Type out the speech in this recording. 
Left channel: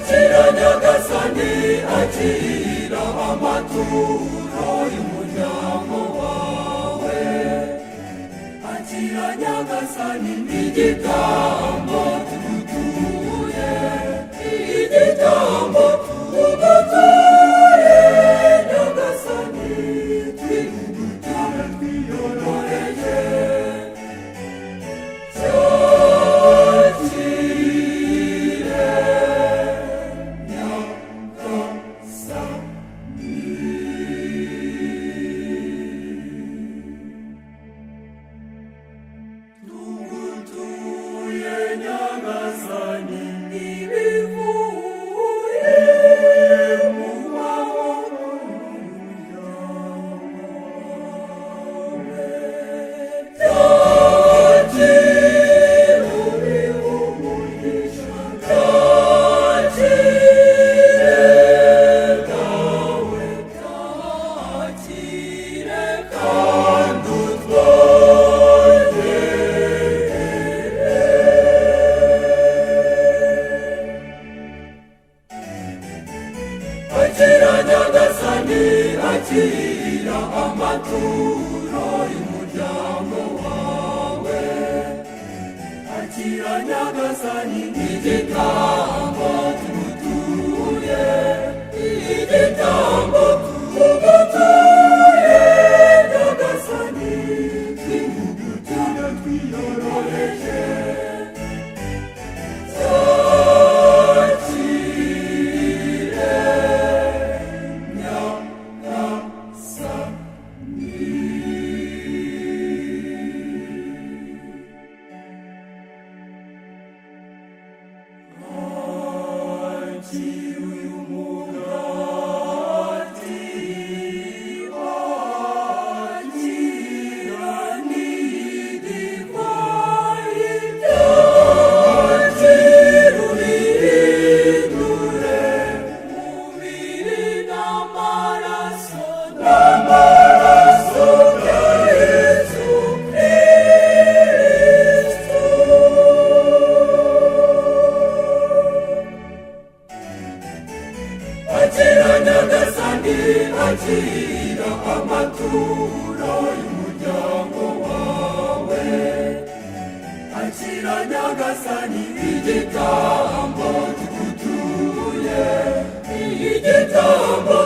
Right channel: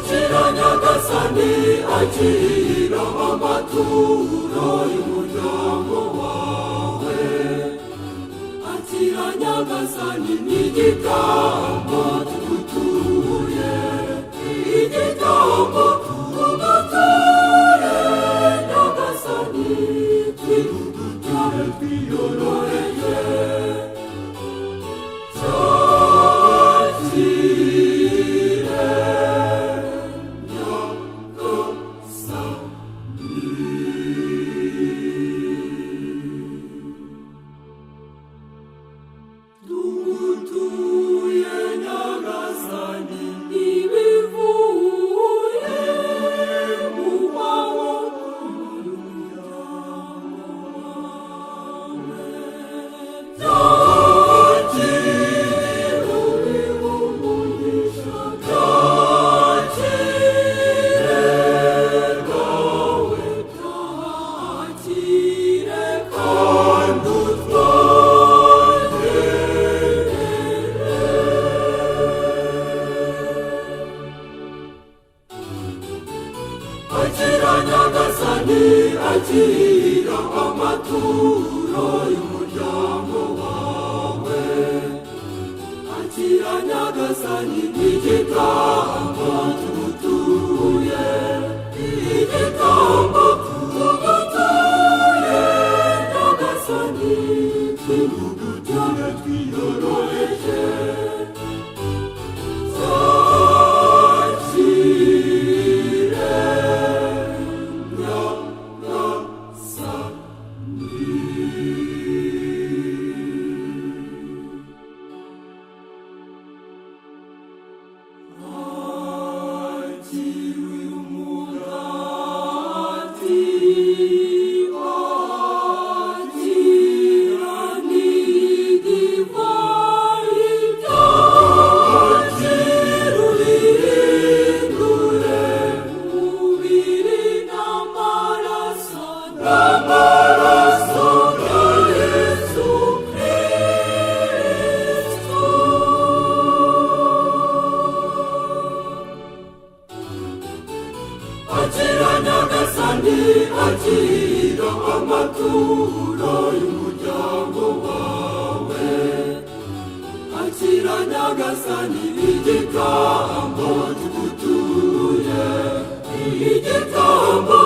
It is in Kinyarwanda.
akira nyagasani akira amaturo y'umuryango wawe akira nyagasani n'igitambo tugutuye igitambo tugutuye nyagasani twigutuye twiyororeye akira nyagasani akira amaturo y'umuryango wawe akira nyagasani n'igitambo tugutuye igitambo tugutuye nyagasani twigutuye twiyororoje akira nyagasani akira amaturo y'umuryango wawe akira nyagasani igitambo tugutuye igitambo